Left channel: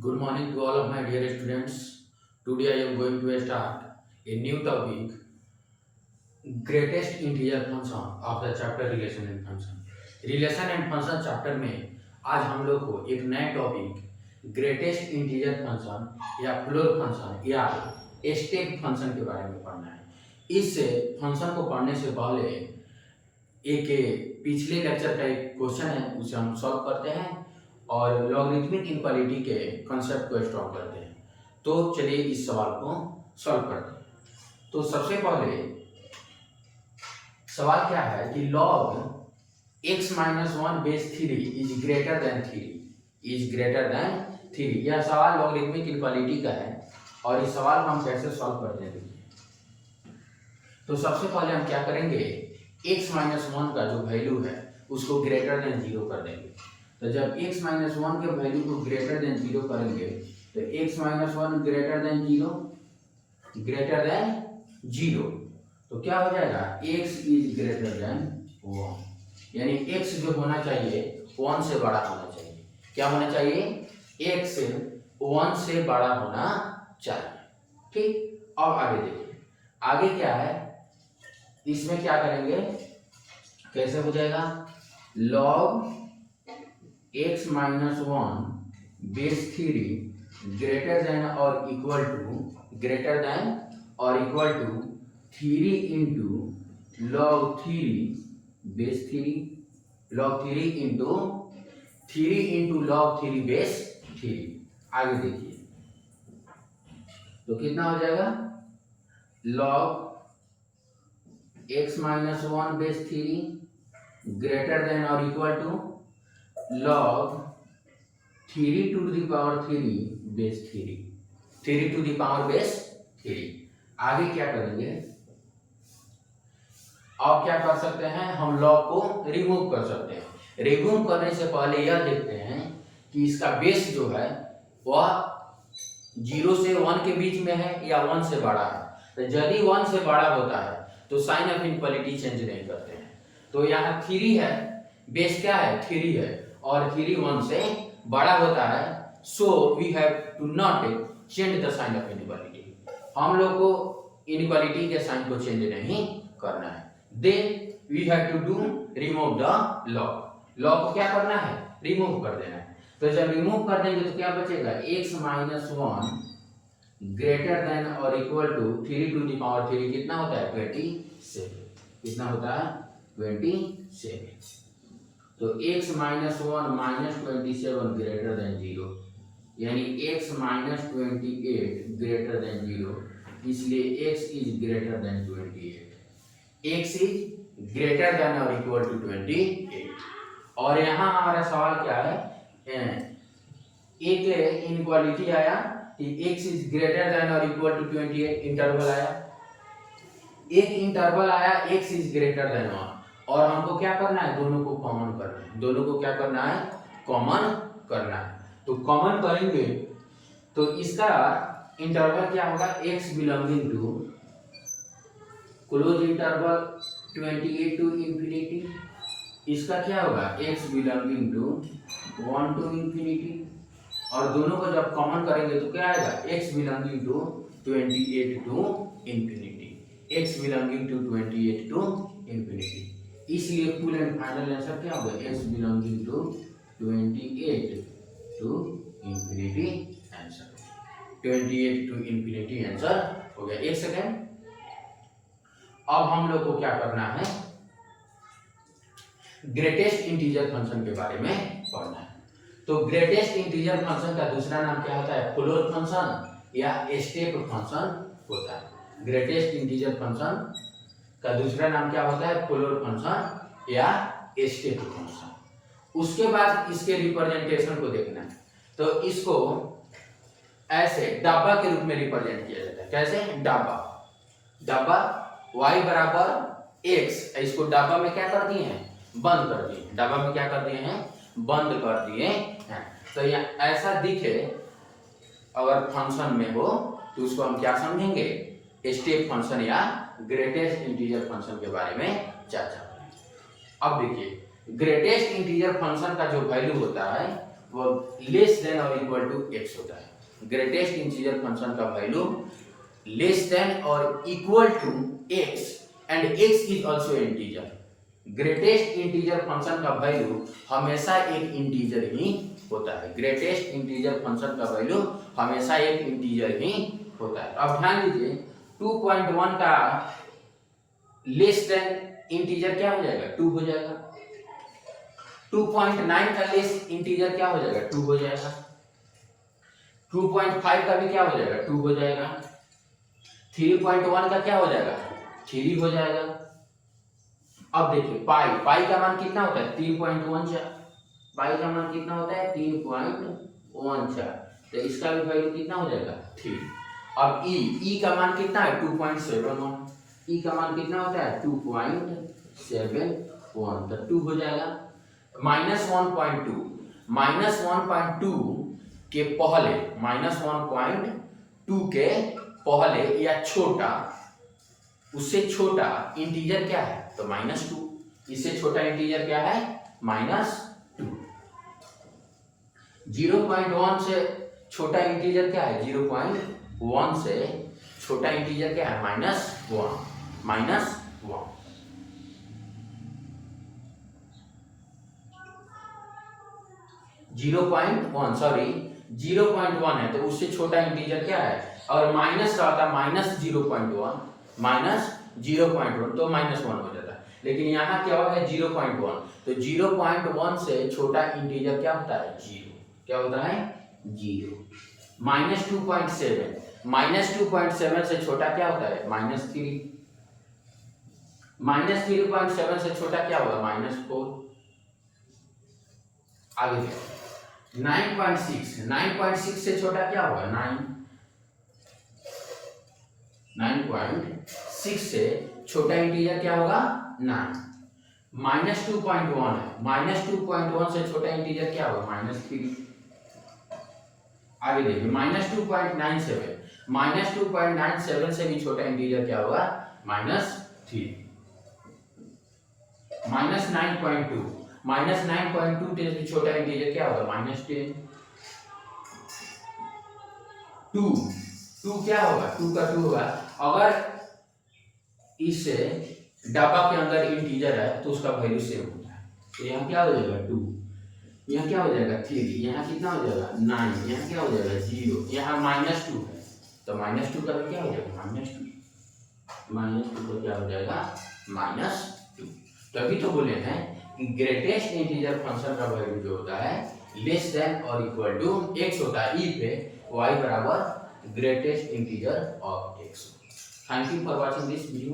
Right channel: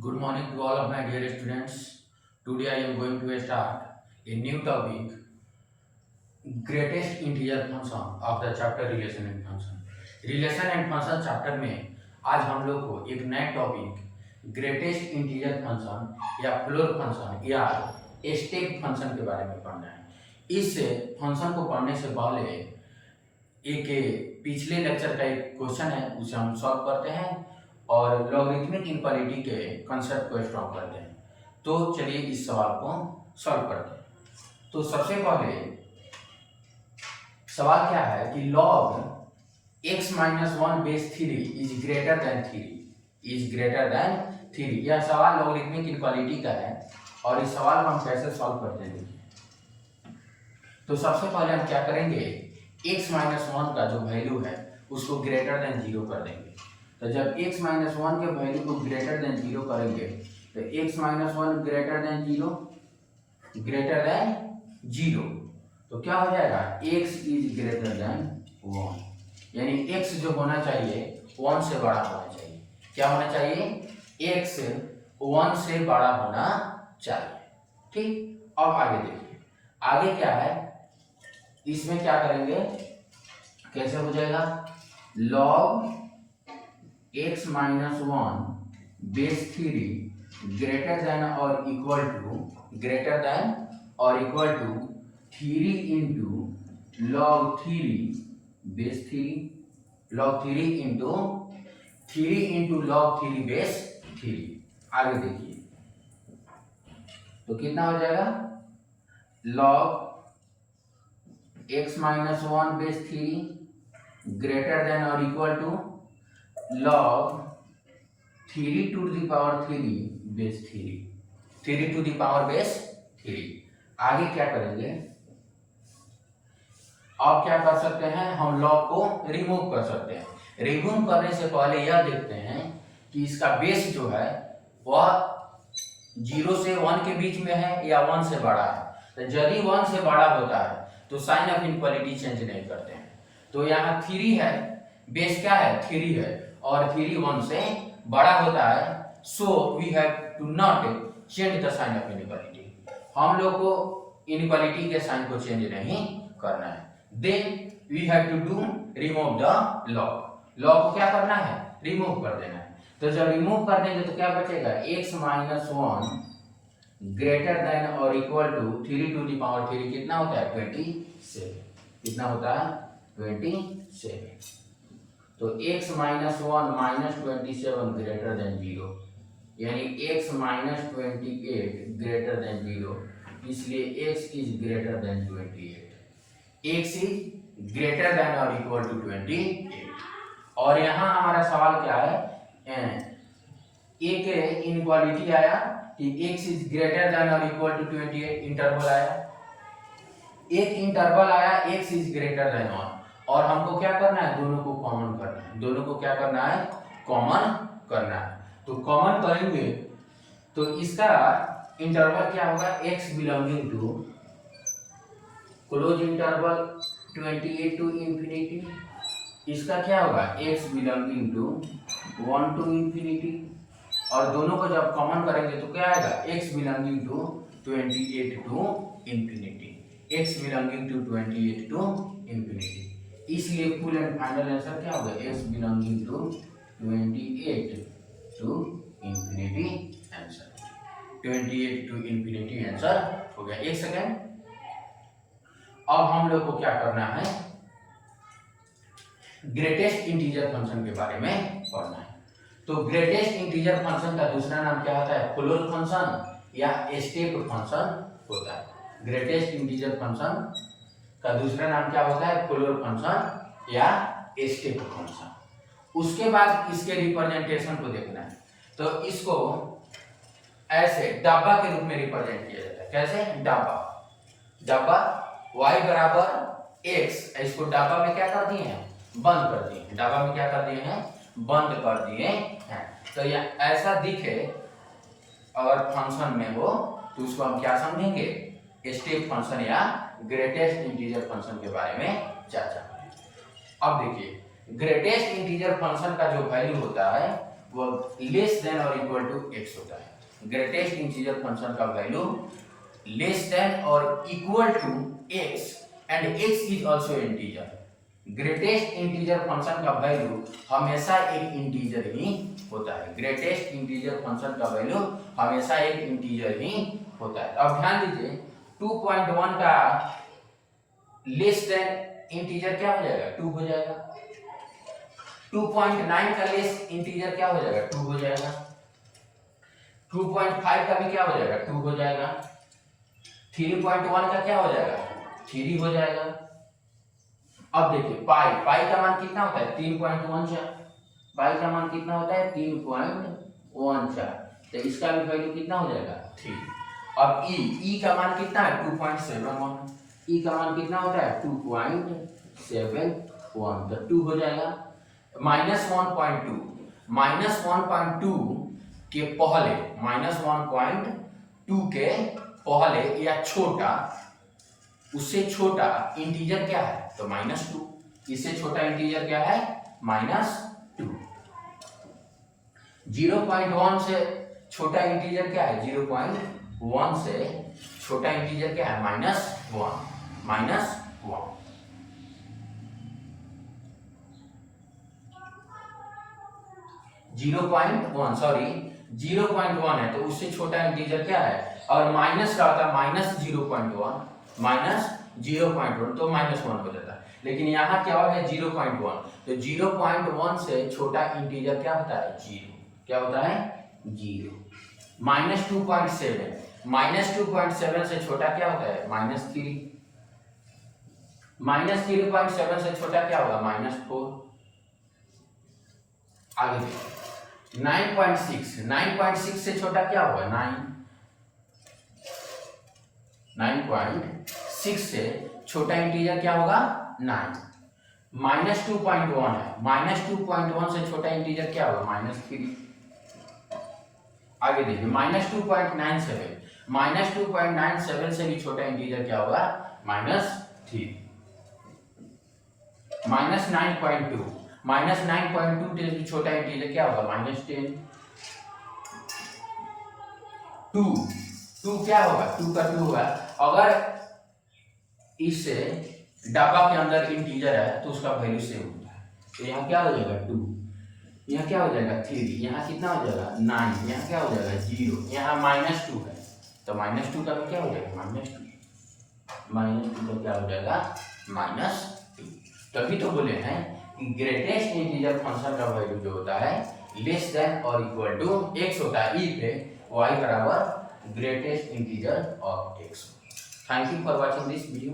Good morning to all of my dear students. Today I am going to start a new topic, greatest integer function of the chapter relation and function. Relation and function chapter में आज हम लोग को एक नया topic greatest integer function या floor function या step function के बारे में पढ़ना है। इस फंक्शन को पढ़ने से पहले एक पिछले लेक्चर का एक क्वेश्चन है, उसे हम सॉल्व करते हैं और लॉगरिथमिक इनक्वालिटी के कंसेप्ट को स्ट्रॉन्ग करते हैं। तो चलिए इस सवाल को सॉल्व करते हैं। तो सबसे पहले सवाल क्या है कि log x minus 1 base 3 is greater than 3। यह सवाल लॉगरिथमिक इनक्वालिटी का है और इस सवाल को हम कैसे सॉल्व करते हैं देखिए। तो सबसे पहले हम क्या करेंगे, x माइनस 1 का जो वैल्यू है उसको ग्रेटर देन 0 कर देंगे। तो जब x माइनस 1 के वैल्यू को ग्रेटर देन 0 करेंगे तो x माइनस 1 ग्रेटर देन 0 तो क्या हो जाएगा, x इज ग्रेटर देन 1, यानी x जो होना चाहिए 1 से बड़ा होना चाहिए। क्या होना चाहिए, x 1 से बड़ा होना चाहिए। ठीक, अब आगे देखिए, आगे क्या है, इसमें क्या करेंगे, कैसे हो जाएगा, log x minus 1 base 3 greater than और equal to 3 into log 3 base 3 log 3 into log 3 base 3। आगे देखिए तो कितना हो जाएगा, log x minus 1 base 3 greater than और equal to log 3 to the power 3 base 3 to the power base 3। आगे क्या करेंगे, अब क्या कर सकते हैं, हम log को रिमूव कर सकते हैं। रिमूव करने से पहले यह देखते हैं कि इसका बेस जो है वह 0 से 1 के बीच में है या 1 से बड़ा है। तो यदि 1 से बड़ा होता है तो साइन ऑफ इनक्वालिटी चेंज नहीं करते हैं। तो यहाँ 3 है, बेस क्या है 3 है और 3 1 से बड़ा होता है, so we have to not change the sign of inequality. हम लोग को इनइक्वालिटी के साइन को चेंज नहीं करना है। Then we have to do remove the log को क्या करना है, रिमूव कर देना है। तो जब रिमूव कर देंगे तो क्या बचेगा, x माइनस 1 ग्रेटर देन और equal to 3 to the power 3 कितना होता है 27। कितना होता है 27। तो x minus 1 minus 27 greater than 0, यानी x माइनस 28 ग्रेटर देन 0, इसलिए x is greater than 28। x is greater than और इक्वल टू 28। और यहाँ हमारा सवाल क्या है, एक इनइक्वालिटी आया कि x इज ग्रेटर देन और इक्वल टू 28, इंटरवल आया, एक इंटरवल आया x इज ग्रेटर देन 1 और हमको क्या करना है, दोनों को कॉमन करना है। दोनों को क्या करना है, कॉमन करना है। तो कॉमन करेंगे तो इसका इंटरवल क्या होगा, x belonging to close interval 28 to infinity, इसका क्या होगा x belonging to 1 to infinity, और दोनों को जब कॉमन करेंगे तो क्या आएगा, x belonging to 28 to infinity, x belonging to 28 to infinity. इसलिए फुल एंड फाइनल आंसर क्या होगा, x belonging to 28 to infinity answer, 28 to infinity answer हो गया। एक सेकेंड, अब हम लोग को क्या करना है, ग्रेटेस्ट इंटीजर फंक्शन के बारे में पढ़ना है। तो ग्रेटेस्ट इंटीजर फंक्शन का दूसरा नाम क्या होता है, फ्लोर फंक्शन या स्टेप फंक्शन होता है। ग्रेटेस्ट इंटीजर फंक्शन का दूसरा नाम क्या होता है, फ्लोर फंक्शन या स्टेप फंक्शन। उसके बाद इसके रिप्रेजेंटेशन को देखना है। तो इसको ऐसे डब्बा के रूप में रिप्रेजेंट किया जाता है। कैसे, डब्बा y बराबर x, इसको डब्बा में क्या कर दिए हैं, बंद कर दिए हैं। डब्बा में क्या कर दिए हैं, बंद कर दिए हैं। तो ये ऐसा दिखे अगर फंक्शन में हो तो उसको हम क्या समझेंगे, स्टेप फंक्शन या ग्रेटेस्ट इंटीजर फंक्शन के बारे में चर्चा करें। अब देखिए, ग्रेटेस्ट इंटीजर फंक्शन का जो वैल्यू होता है वो लेस देन और इक्वल टू x होता है। ग्रेटेस्ट इंटीजर फंक्शन का वैल्यू लेस देन और equal to x and x is also integer. Greatest integer function का वैल्यू हमेशा एक इंटीजर ही होता है। ग्रेटेस्ट इंटीजर फंक्शन का वैल्यू हमेशा एक इंटीजर ही होता है। तो अब ध्यान दीजिए 2.1 का लेस देन इंटीजर क्या हो जाएगा, 2 हो जाएगा। 2.9 का लेस इंटीजर क्या हो जाएगा, 2 हो जाएगा। 2.5 का भी क्या हो जाएगा, 2 हो जाएगा। 3.1 का क्या हो जाएगा, 3 हो जाएगा। अब देखिए पाई का मान कितना होता है, 3.14। पाई का मान कितना होता है, 3.14। तो इसका भी वैल्यू कितना हो जाएगा, 3। अब ई का मान कितना है, 2.71। ई का मान कितना होता है, 2.71, तो 2 हो जाएगा। -1.2 के पहले, -1.2 के पहले या छोटा, उससे छोटा इंटीजर क्या है, तो -2। इससे छोटा इंटीजर क्या है, -2। 0.1 से छोटा इंटीजर क्या है, 0.1 से छोटा इंटीजर क्या है, -1। 0.1 है तो उससे छोटा इंटीजर क्या है। अगर माइनस रहता -0.1 तो -1 हो जाता है, लेकिन यहाँ क्या हो गया 0.1, तो 0.1 से छोटा इंटीजर क्या होता है, 0। क्या होता है, 0। -2.7 से छोटा क्या होता है, -3। -3.7 से छोटा क्या होगा, -4। आगे 9.6 से छोटा क्या होगा, 9। 9.6 से छोटा इंटीजर क्या होगा, 9। -2.1 है, -2.1 से छोटा इंटीजर क्या होगा, -3। आगे देखिए -2.97 से भी छोटा इंटीजर क्या होगा, -3। -9.2 से भी छोटा इंटीजर क्या होगा, -10। 2 क्या होगा, 2 का 2 होगा। अगर इससे डब्बा के अंदर इंटीजर है तो उसका वैल्यू सेम होता है। तो यहाँ क्या हो जाएगा, 2। यहाँ क्या हो जाएगा, 3। यहाँ कितना हो जाएगा, 9। यहाँ क्या हो जाएगा, 0। यहाँ -2 है तो -2 का भी क्या हो जाएगा, -2। -2 का क्या हो जाएगा, -2। तभी तो बोले हैं कि ग्रेटेस्ट इंटीजर फंक्शन का वैल्यू जो होता है लेस देन और इक्वल टू x होता है। ई पे y बराबर greatest integer of x। Thank you for watching this video.